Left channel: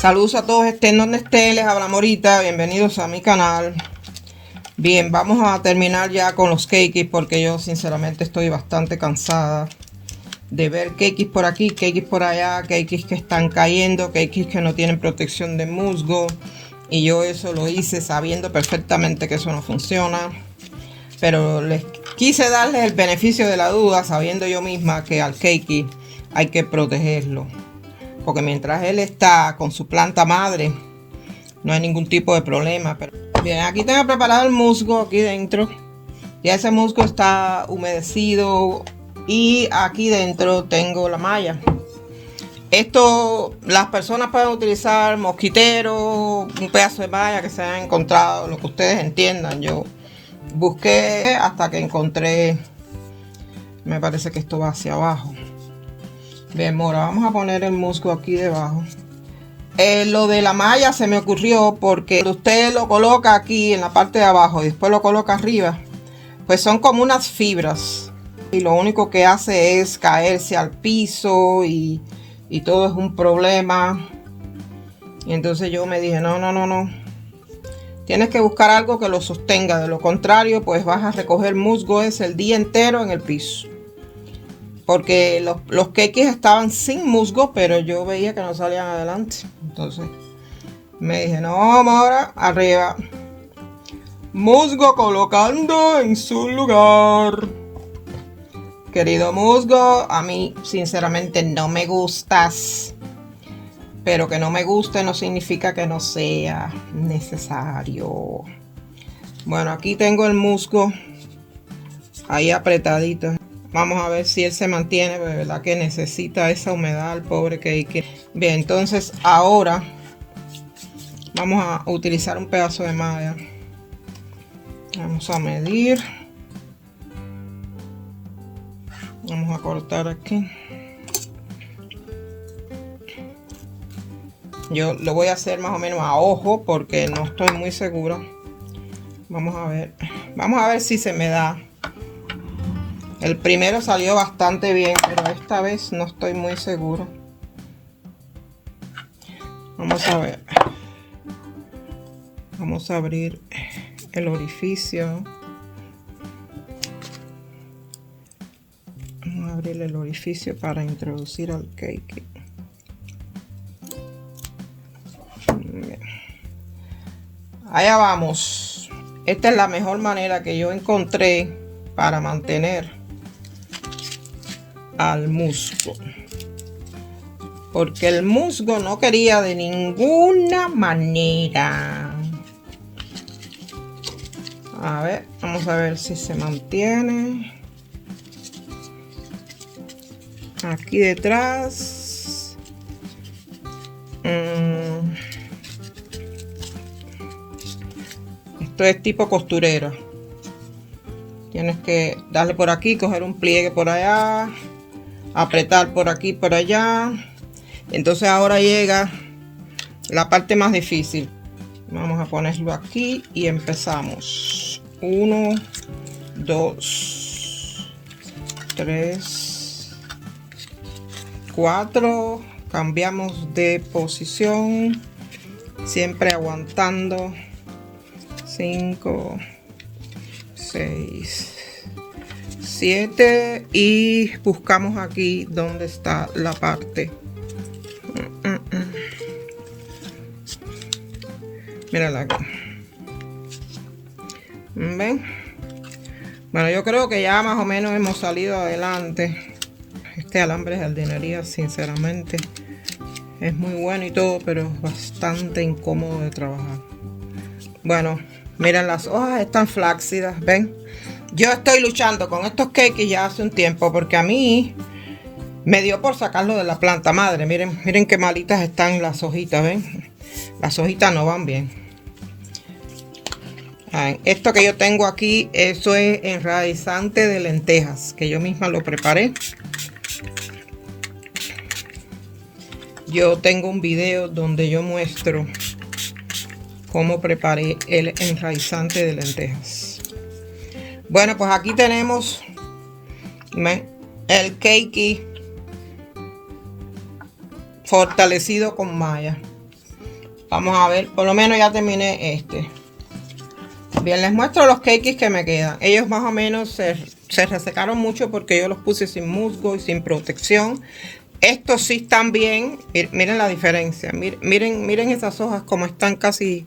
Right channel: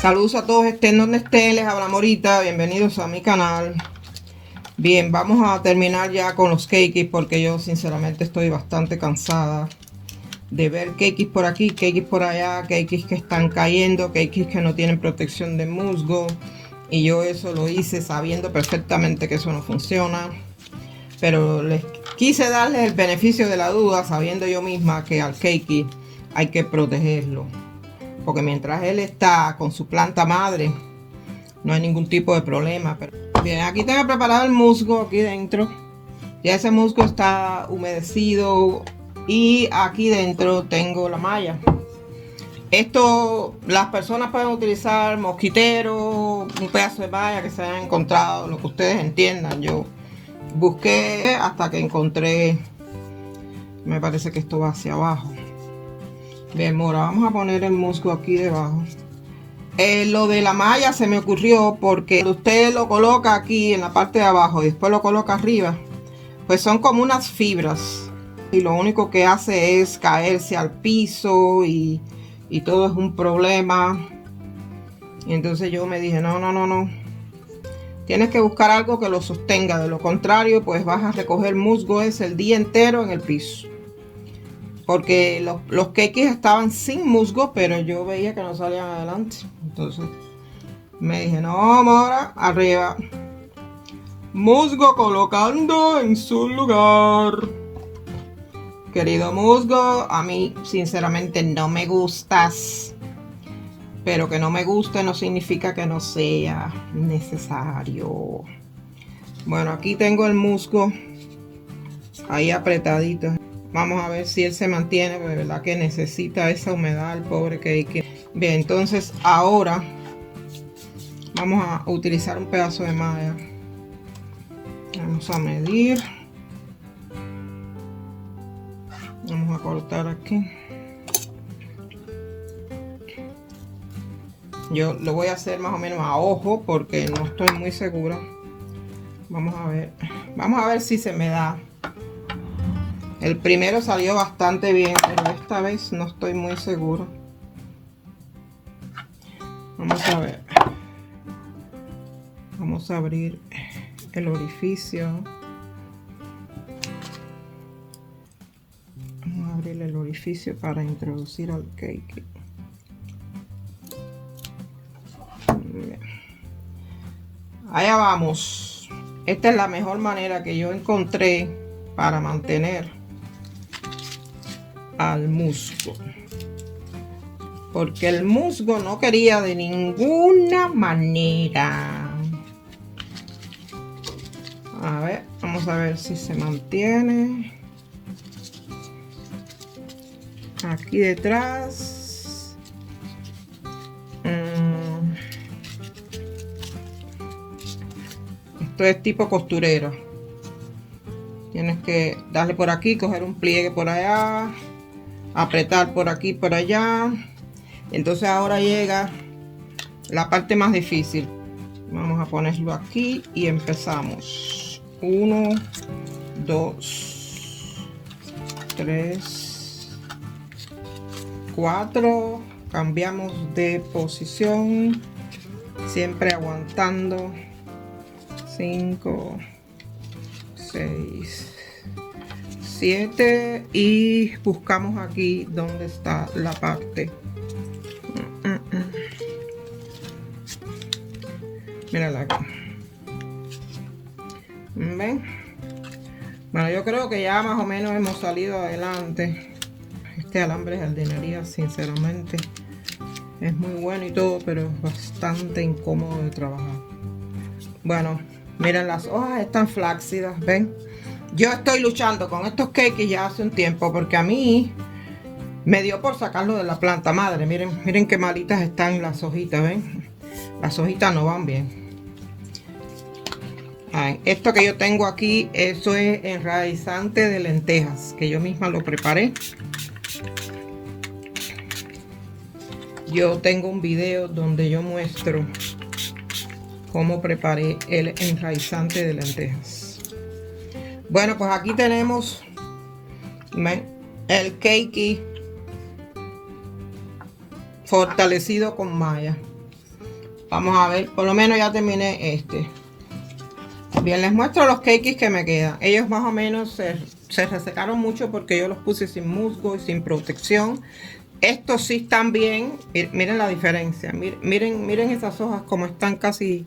Saludos a todos, estén donde estén, les habla Morita, bienvenidos a mi canal. Bien, vamos a terminar ya con los cakes porque yo sinceramente estoy bastante cansada de ver cakes por aquí, cakes por allá, cakes que están cayendo, cakes que no tienen protección de musgo. Y yo eso lo hice sabiendo perfectamente que eso no funciona. Pero les quise darles el beneficio de la duda, sabiendo yo misma que al cake hay que protegerlo. Porque mientras él está con su planta madre, no hay ningún tipo de problema. Pero bien, aquí tengo preparado el musgo aquí dentro. Ya ese musgo está humedecido. Y aquí dentro tengo la malla. Esto las personas pueden utilizar mosquitero, un pedazo de malla que se haya encontrado, lo que ustedes entiendan. Yo busqué hasta que encontré, me parece que esto va hacia abajo. Bien, ahora vamos a poner el musgo aquí debajo. Lo de la malla se me ocurrió porque cuando usted lo coloca aquí en la parte de abajo y después lo coloca arriba, pues son como unas fibras. Y lo único que hace es caerse al piso y todo es un problema. Y entonces yo me dije, no. Tienes que buscar algo que lo sostenga. De lo contrario, pues vas a recoger musgo el día entero en el piso. Porque los cakes estaban sin musgo, pero yo veía que no salían adelante. Entonces me dije, no, ahora arriba. Musgo colocando en su lugar. Querido musgo, a mí sinceramente no me gustas. Pero que no me guste no significa que no sea necesario. Bueno, aquí tengo el musgo ahí apretadito. Vamos a ver si él se mantiene, de verdad que necesita esa humedad el pobre cake. Bien, entonces ahora vamos a utilizar un pedazo de malla. Vamos a medir. Vamos a cortar aquí. Yo lo voy a hacer más o menos a ojo porque no estoy muy seguro. Vamos a ver. Vamos a ver si se me da. El primero salió bastante bien, pero esta vez no estoy muy seguro. Vamos a ver. Vamos a abrir el orificio. Vamos a abrir el orificio para introducir al cake. Allá vamos. Esta es la mejor manera que yo encontré para mantener al musgo, porque el musgo no quería de ninguna manera. A ver, vamos a ver si se mantiene aquí detrás. Esto es tipo costurero. Tienes que darle por aquí, coger un pliegue por allá, apretar por aquí, por allá. Entonces ahora llega la parte más difícil. Vamos a ponerlo aquí y empezamos. 1, 2, 3, 4. Cambiamos de posición, siempre aguantando. 5, 6, 7 y buscamos aquí donde está la parte. Mírala aquí. ¿Ven? Bueno, yo creo que ya más o menos hemos salido adelante. Este alambre de jardinería, sinceramente, es muy bueno y todo, pero es bastante incómodo de trabajar. Bueno, miren, las hojas están flácidas, ¿ven? Yo estoy luchando con estos cakes ya hace un tiempo porque a mí me dio por sacarlo de la planta madre. Miren qué malitas están las hojitas, ¿ven? Las hojitas no van bien. Esto que yo tengo aquí, eso es enraizante de lentejas, que yo misma lo preparé. Yo tengo un video donde yo muestro cómo preparé el enraizante de lentejas. Bueno, pues aquí tenemos ¿Ven? El cakey fortalecido con malla. Vamos a ver, por lo menos ya terminé este. Bien, les muestro los cakes que me quedan. Ellos más o menos se resecaron mucho porque yo los puse sin musgo y sin protección. Estos sí están bien. Miren la diferencia. Miren esas hojas como están casi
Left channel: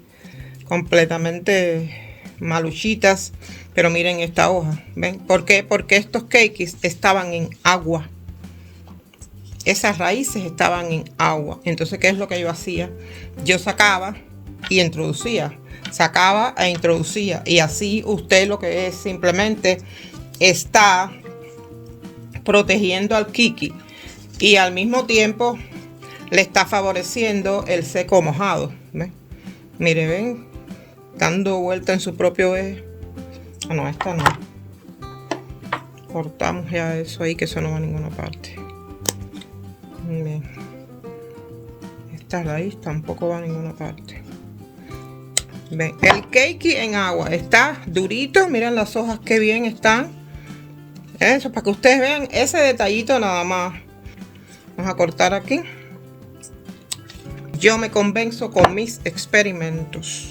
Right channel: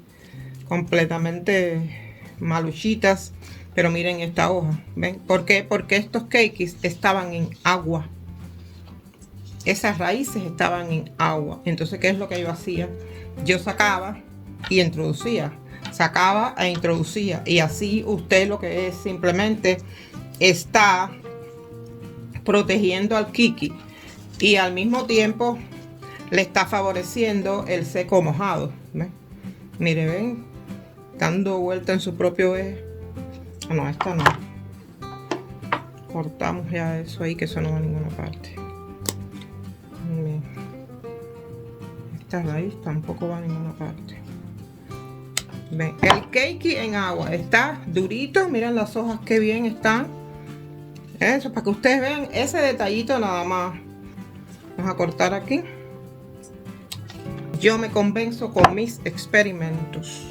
completamente maluchitas. Pero miren esta hoja. ¿Ven? ¿Por qué? Porque estos cakes estaban en agua. Esas raíces estaban en agua. Entonces, ¿qué es lo que yo hacía? Yo sacaba y introducía. Sacaba e introducía. Y así usted lo que es simplemente está protegiendo al kiki. Y al mismo tiempo le está favoreciendo el seco mojado. ¿Ven? Miren, ven. Dando vuelta en su propio eje. No, esta no. Cortamos ya eso ahí, que eso no va a ninguna parte. Bien. Esta raíz tampoco va a ninguna parte. Ven, el cakey en agua está durito. Miren las hojas que bien están. Eso, para que ustedes vean ese detallito nada más. Vamos a cortar aquí. Yo me convenzo con mis experimentos.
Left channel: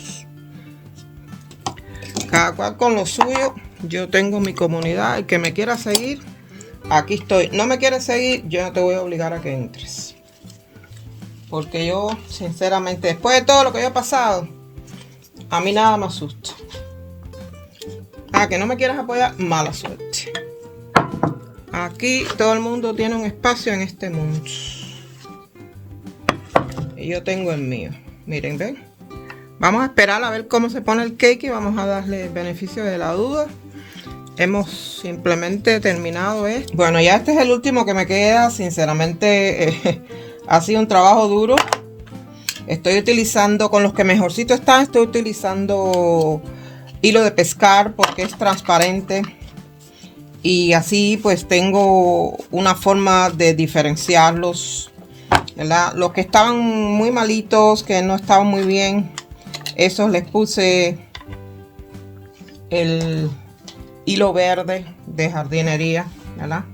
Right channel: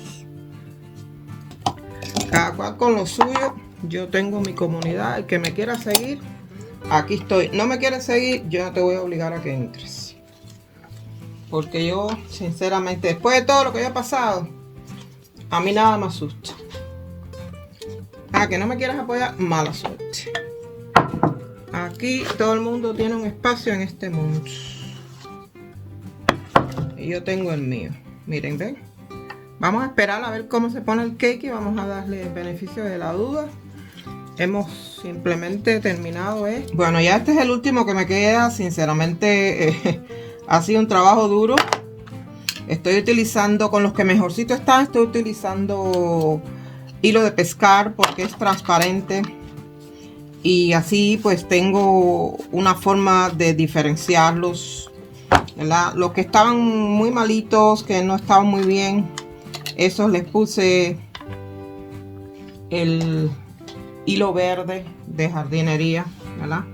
Cada cual con lo suyo. Yo tengo mi comunidad. El que me quiera seguir, aquí estoy. No me quieres seguir, yo no te voy a obligar a que entres. Porque yo, sinceramente, después de todo lo que yo he pasado, a mí nada me asusta. A que no me quieras apoyar, mala suerte. Aquí todo el mundo tiene un espacio en este mundo. Y yo tengo el mío. Miren, ven. Vamos a esperar a ver cómo se pone el cake y vamos a darle el beneficio de la duda. Hemos simplemente terminado esto. Bueno, ya este es el último que me queda. Sinceramente ha sido un trabajo duro. Estoy utilizando, con los que mejorcito están, estoy utilizando hilo de pescar porque es transparente. Y así pues tengo una forma de diferenciarlos, ¿verdad? Los que estaban muy malitos, que no estaban muy bien, esos les puse el hilo verde de jardinería, ¿verdad?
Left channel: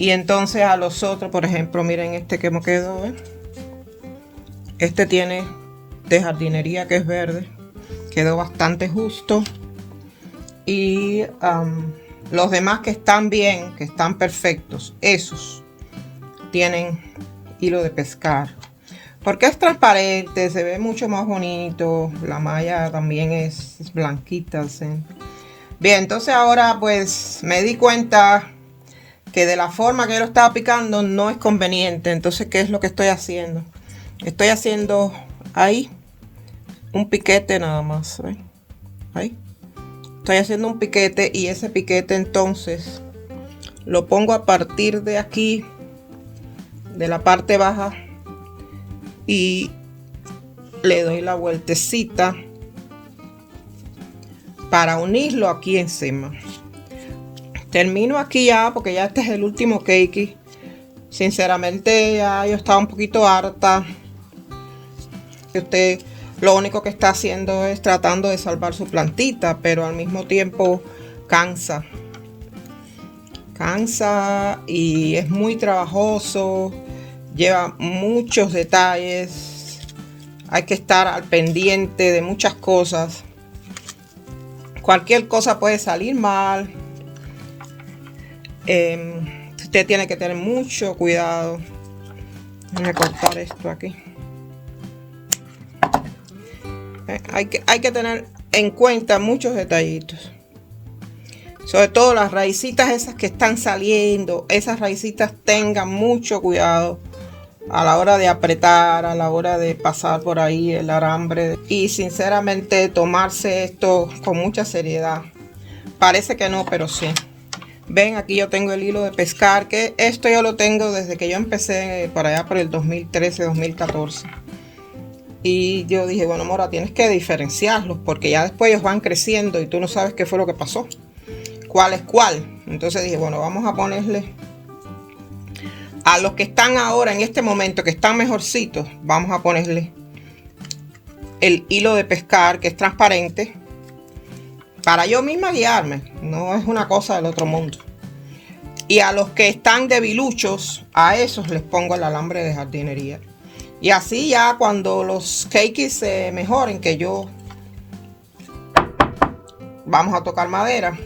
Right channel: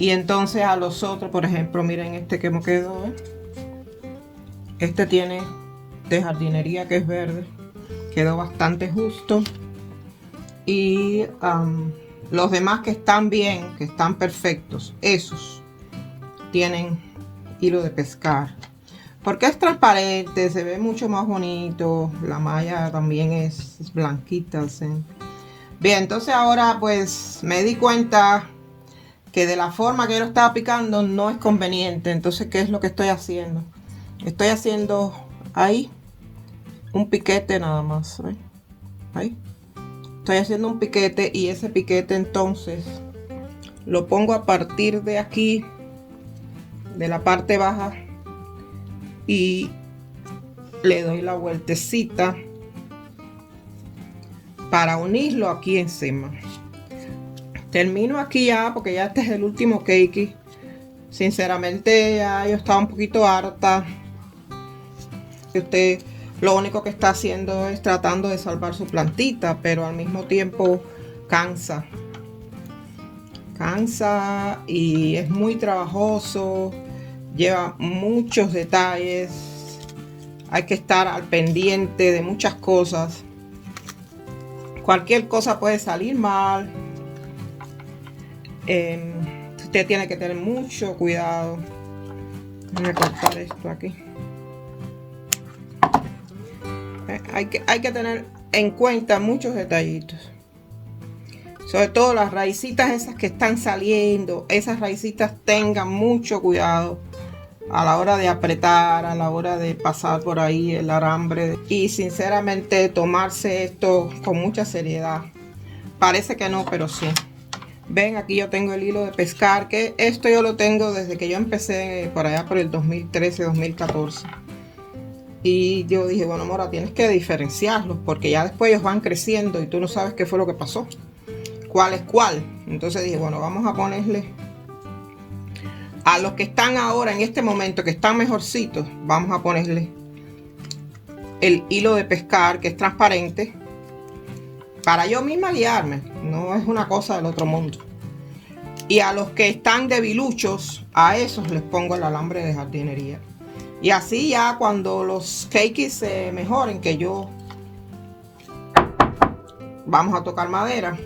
Y entonces a los otros, por ejemplo, miren este que me quedó, ¿eh? Este tiene de jardinería que es verde, quedó bastante justo. Y los demás que están bien, que están perfectos, esos tienen hilo de pescar. Porque es transparente, se ve mucho más bonito. La malla también es blanquita, ¿sí? Bien, entonces ahora pues me di cuenta que de la forma que yo lo estaba picando no es conveniente. Entonces, ¿qué es lo que estoy haciendo? Estoy haciendo ahí un piquete nada más, ¿ven? Ahí. Estoy haciendo un piquete y ese piquete entonces lo pongo a partir de aquí, de la parte baja, y le doy la vueltecita para unirlo aquí encima. Termino aquí ya porque ya este es el último cake. Sinceramente ya yo estaba un poquito harta. Usted lo único que está haciendo es tratando de salvar su plantita, pero al mismo tiempo cansa. Cansa y es muy trabajoso. Lleva muchos detalles. Hay que estar al pendiente de muchas cosas. Cualquier cosa puede salir mal. Usted tiene que tener mucho cuidado. Voy a cortar esto aquí. Hay que tener en cuenta muchos detallitos. Sobre todo las raícitas esas que están saliendo. Esas raícitas tengan mucho cuidado a la hora de apretar, a la hora de pasar por ahí el alambre. Y sinceramente tomarse esto con mucha seriedad. Parece que no, pero sí. Ven, aquí yo tengo el hilo de pescar, que esto yo lo tengo desde que yo empecé por allá por el 2013, 2014. Y yo dije, bueno, Mora, tienes que diferenciarlos porque ya después ellos van creciendo y tú no sabes qué fue lo que pasó. ¿Cuál es cuál? Entonces dije, bueno, vamos a ponerle a los que están ahora en este momento, que están mejorcitos, vamos a ponerle el hilo de pescar, que es transparente, para yo misma guiarme. No es una cosa del otro mundo. Y a los que están debiluchos, a esos les pongo el alambre de jardinería. Y así ya cuando los cakes se mejoren, que yo vamos a tocar madera,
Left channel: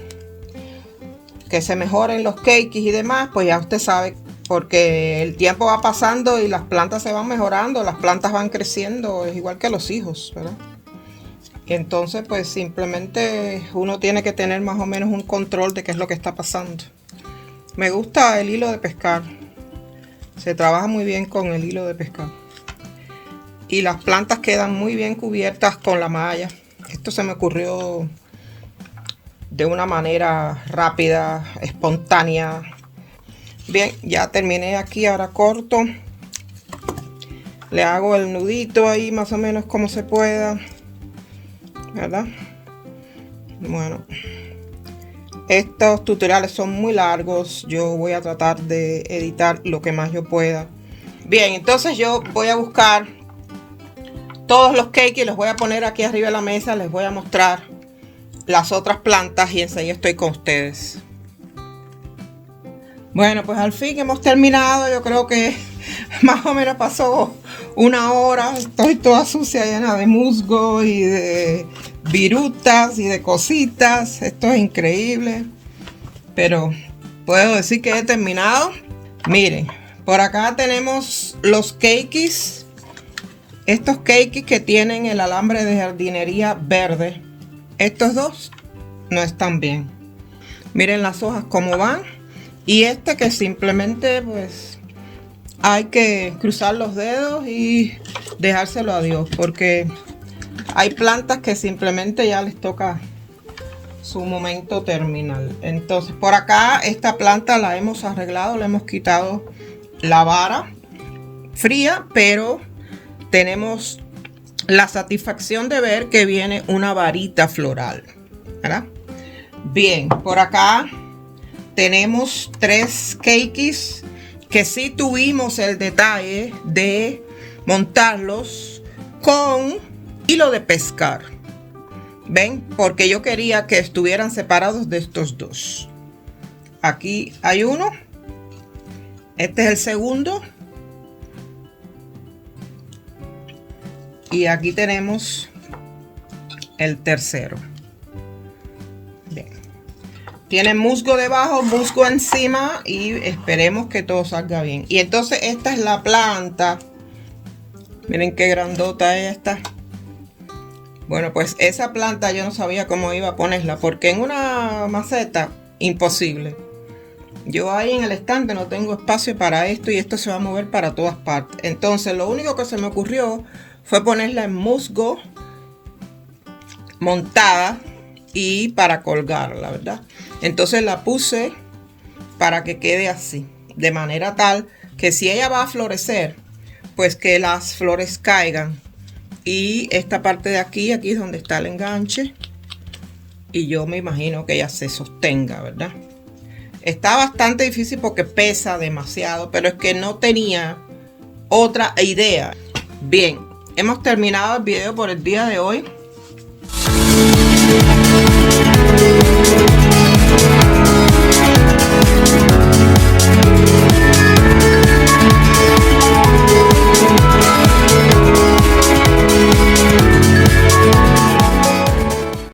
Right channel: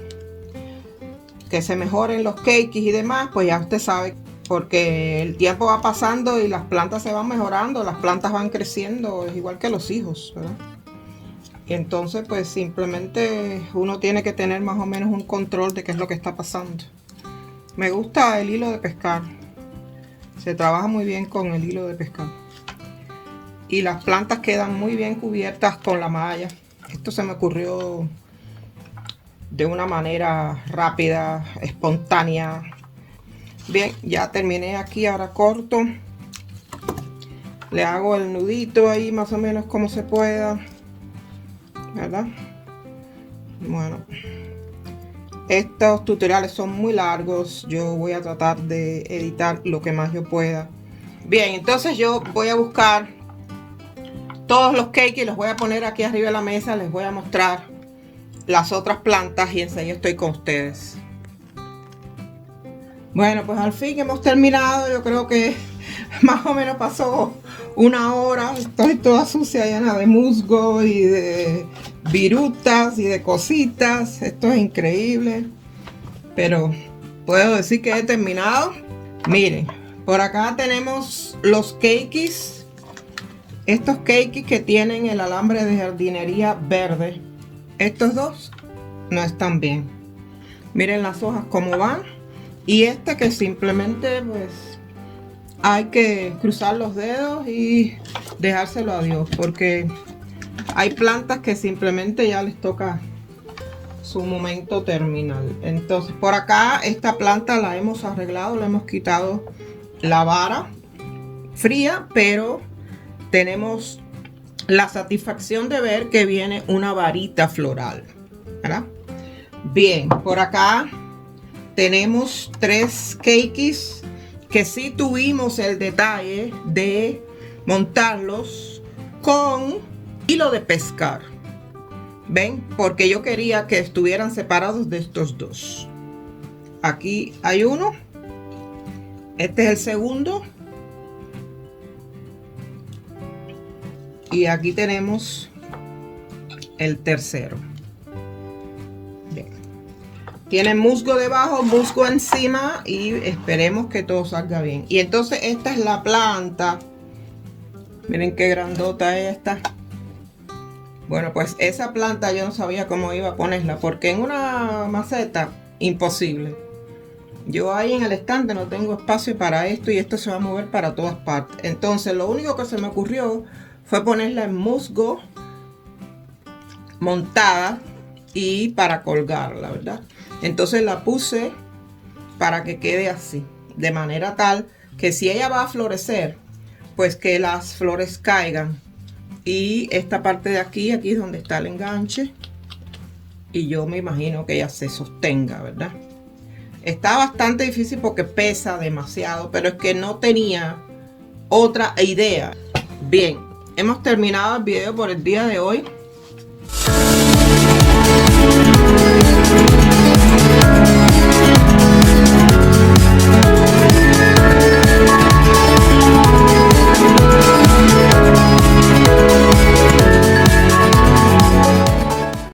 que se mejoren los cakes y demás, pues ya usted sabe, porque el tiempo va pasando y las plantas se van mejorando, las plantas van creciendo, es igual que los hijos, ¿verdad? Y entonces pues simplemente uno tiene que tener más o menos un control de qué es lo que está pasando. Me gusta el hilo de pescar, se trabaja muy bien con el hilo de pescar. Y las plantas quedan muy bien cubiertas con la malla. Esto se me ocurrió de una manera rápida, espontánea. Bien, ya terminé aquí, ahora corto. Le hago el nudito ahí más o menos como se pueda, ¿verdad? Bueno, estos tutoriales son muy largos. Yo voy a tratar de editar lo que más yo pueda. Bien, entonces yo voy a buscar todos los cakes y los voy a poner aquí arriba de la mesa. Les voy a mostrar las otras plantas y enseguida estoy con ustedes. Bueno, pues al fin hemos terminado. Yo creo que más o menos pasó una hora. Estoy toda sucia, llena de musgo y de virutas y de cositas. Esto es increíble, pero puedo decir que he terminado. Miren, por acá tenemos los cakes. Estos cakes que tienen el alambre de jardinería verde. Estos dos no están bien. Miren las hojas cómo van. Y este que simplemente pues hay que cruzar los dedos y dejárselo a Dios, porque hay plantas que simplemente ya les toca su momento terminal. Entonces por acá esta planta la hemos arreglado, le hemos quitado la vara fría, pero tenemos la satisfacción de ver que viene una varita floral, ¿verdad? Bien, por acá tenemos 3 cakes que sí tuvimos el detalle de montarlos con hilo de pescar. ¿Ven? Porque yo quería que estuvieran separados de estos dos. Aquí hay uno. Este es el segundo. Y aquí tenemos el tercero. Bien. Tiene musgo debajo, musgo encima y esperemos que todo salga bien. Y entonces esta es la planta. Miren qué grandota es esta. Bueno, pues esa planta yo no sabía cómo iba a ponerla, porque en una maceta, imposible. Yo ahí en el estante no tengo espacio para esto y esto se va a mover para todas partes. Entonces lo único que se me ocurrió fue ponerla en musgo montada y para colgarla, ¿verdad? Entonces la puse para que quede así, de manera tal que si ella va a florecer, pues que las flores caigan. Y esta parte de aquí, aquí es donde está el enganche. Y yo me imagino que ella se sostenga, ¿verdad? Está bastante difícil porque pesa demasiado, pero es que no tenía otra idea. Bien, hemos terminado el video por el día de hoy.